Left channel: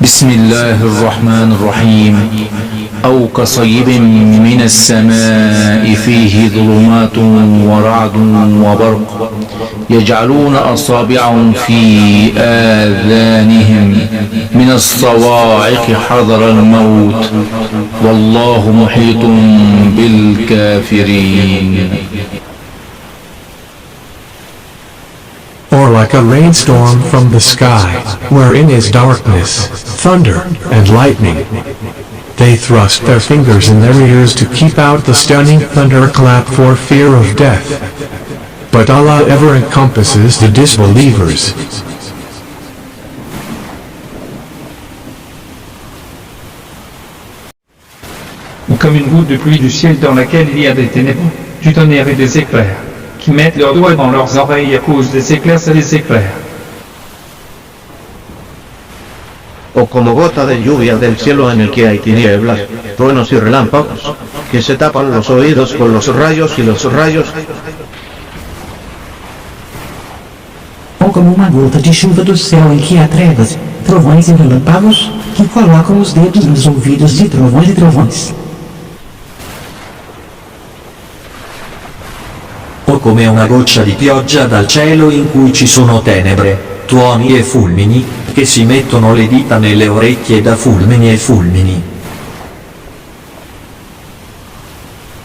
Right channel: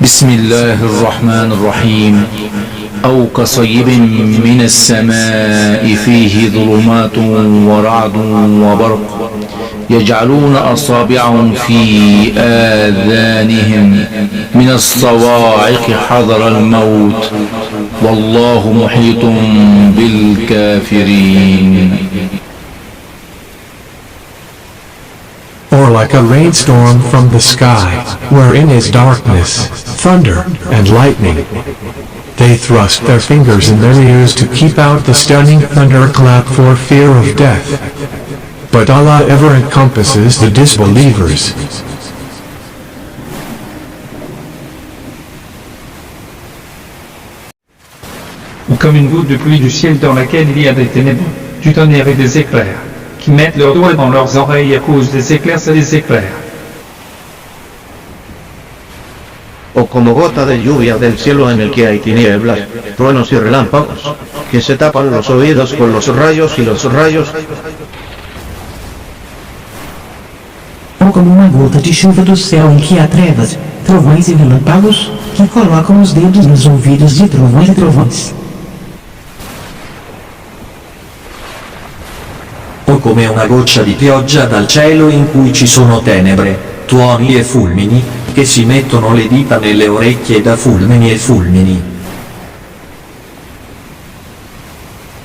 بسم الله الرحمن الرحيم أو كصيب من السماء فيه ظلمات ورعد وبرق يجعلون أصابعهم في آذانهم من الصواعق حذر الموت والله محيط بالكافرين. Or like a rainstorm from the sky, wherein is darkness, thunder, and lightning. They thrust their fingers in their ears to keep out the stunning thunderclap for fear of death. But Allah ever encompasses the disbelievers. Ou comme une goutte de pluie du ciel dans laquelle il y a des ténèbres, du tonnerre et des éclairs, qui mettent leurs doigts dans leurs oreilles à cause des éclairs et des éclairs. O como gota de lluvia del cielo en el que hay tinieblas, truenos y relámpagos, que se tapan los oídos con los rayos y los rayos. Ou como uma gota de chuva do céu em que há trevas, trovões e relâmpagos, que colocam os dedos nos ouvidos de trovões e trovões. O come una goccia di pioggia dal cielo in cui ci sono tenebre, tuoni e fulmini, che si mettono le dita nelle orecchie da fulmini e fulmini.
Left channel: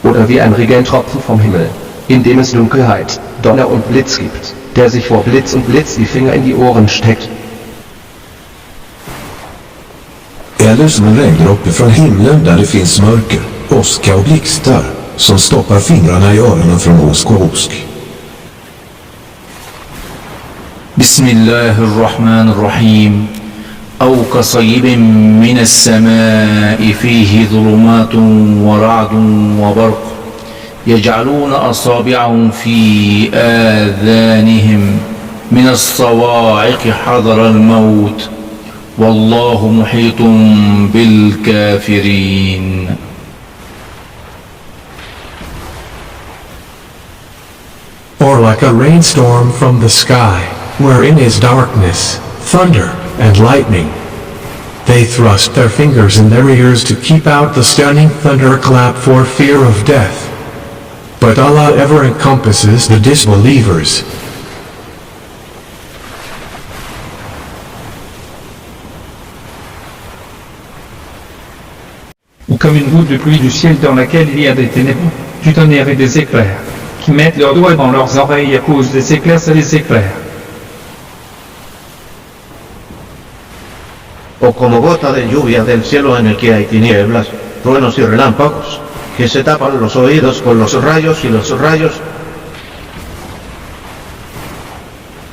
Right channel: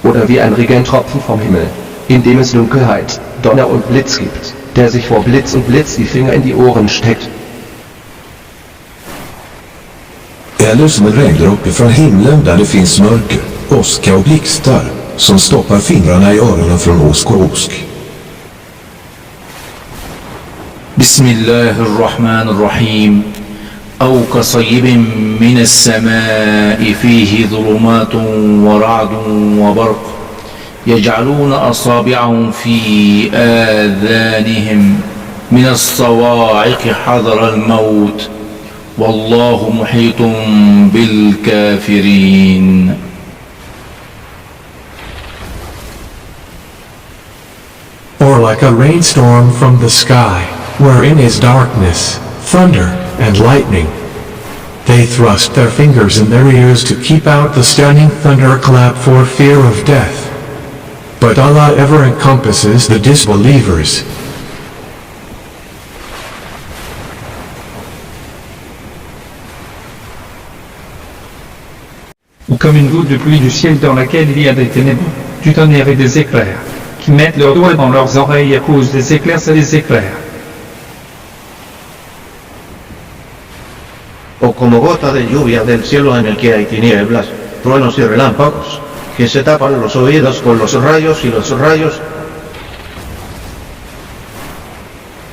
Oder wie ein Regentropfen vom Himmel, in dem es Dunkelheit, Donner und Blitz gibt, der sich vor Blitz und Blitz die Finger in die Ohren steckt. Eller som en regndroppe från himlen där det finns mörker, åska och blixtar, som stoppar fingrarna i öronen från åsk och osk. بسم الله الرحمن الرحيم أو كصيب من السماء فيه ظلمات ورعد وبرق يجعلون أصابعهم في آذانهم من الصواعق حذر الموت والله محيط بالكافرين. Or like a rainstorm from the sky, wherein is darkness, thunder, and lightning. They thrust their fingers in their ears to keep out the stunning thunderclap for fear of death. But Allah ever encompasses the disbelievers. Ou comme une goutte de pluie du ciel dans laquelle il y a des ténèbres, du tonnerre et des éclairs, qui mettent leurs doigts dans leurs oreilles à cause des éclairs et des éclairs. O como gota de lluvia del cielo en el que hay tinieblas, truenos y relámpagos, que se tapan los oídos con los rayos y los rayos.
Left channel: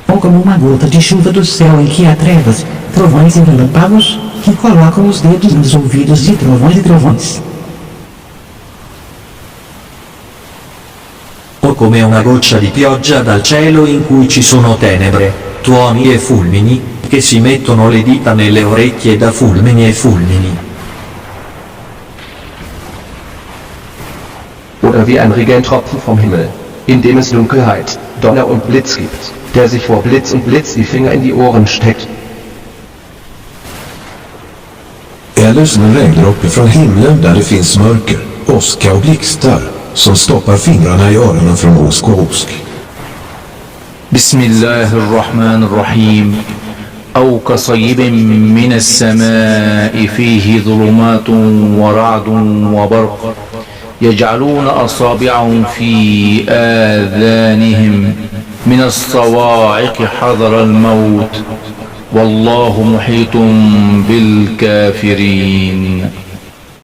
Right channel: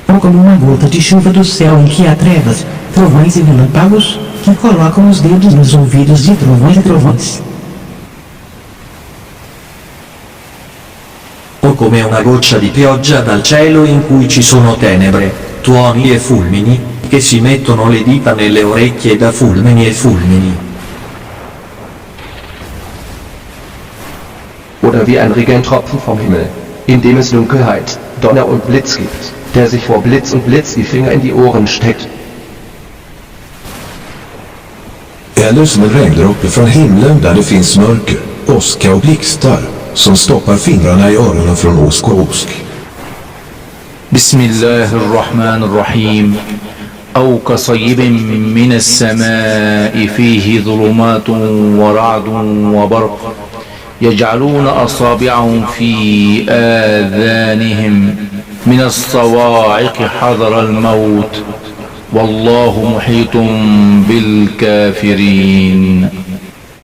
Ou como uma gota de chuva do céu em que há trevas, trovões e relâmpagos, que colocam os dedos nos ouvidos de trovões e trovões. O come una goccia di pioggia dal cielo in cui ci sono tenebre, tuoni e fulmini, che si mettono le dita nelle orecchie da fulmini e fulmini. Oder wie ein Regentropfen vom Himmel, in dem es Dunkelheit, Donner und Blitz gibt, der sich vor Blitz und Blitz die Finger in die Ohren steckt. Eller som en regndroppe från himlen där det finns mörker, åska och blixtar, som stoppar fingrarna i öronen från åsk och osk. بسم الله الرحمن الرحيم أو كصيب من السماء فيه ظلمات ورعد وبرق يجعلون أصابعهم في آذانهم من الصواعق حذر الموت والله محيط بالكافرين.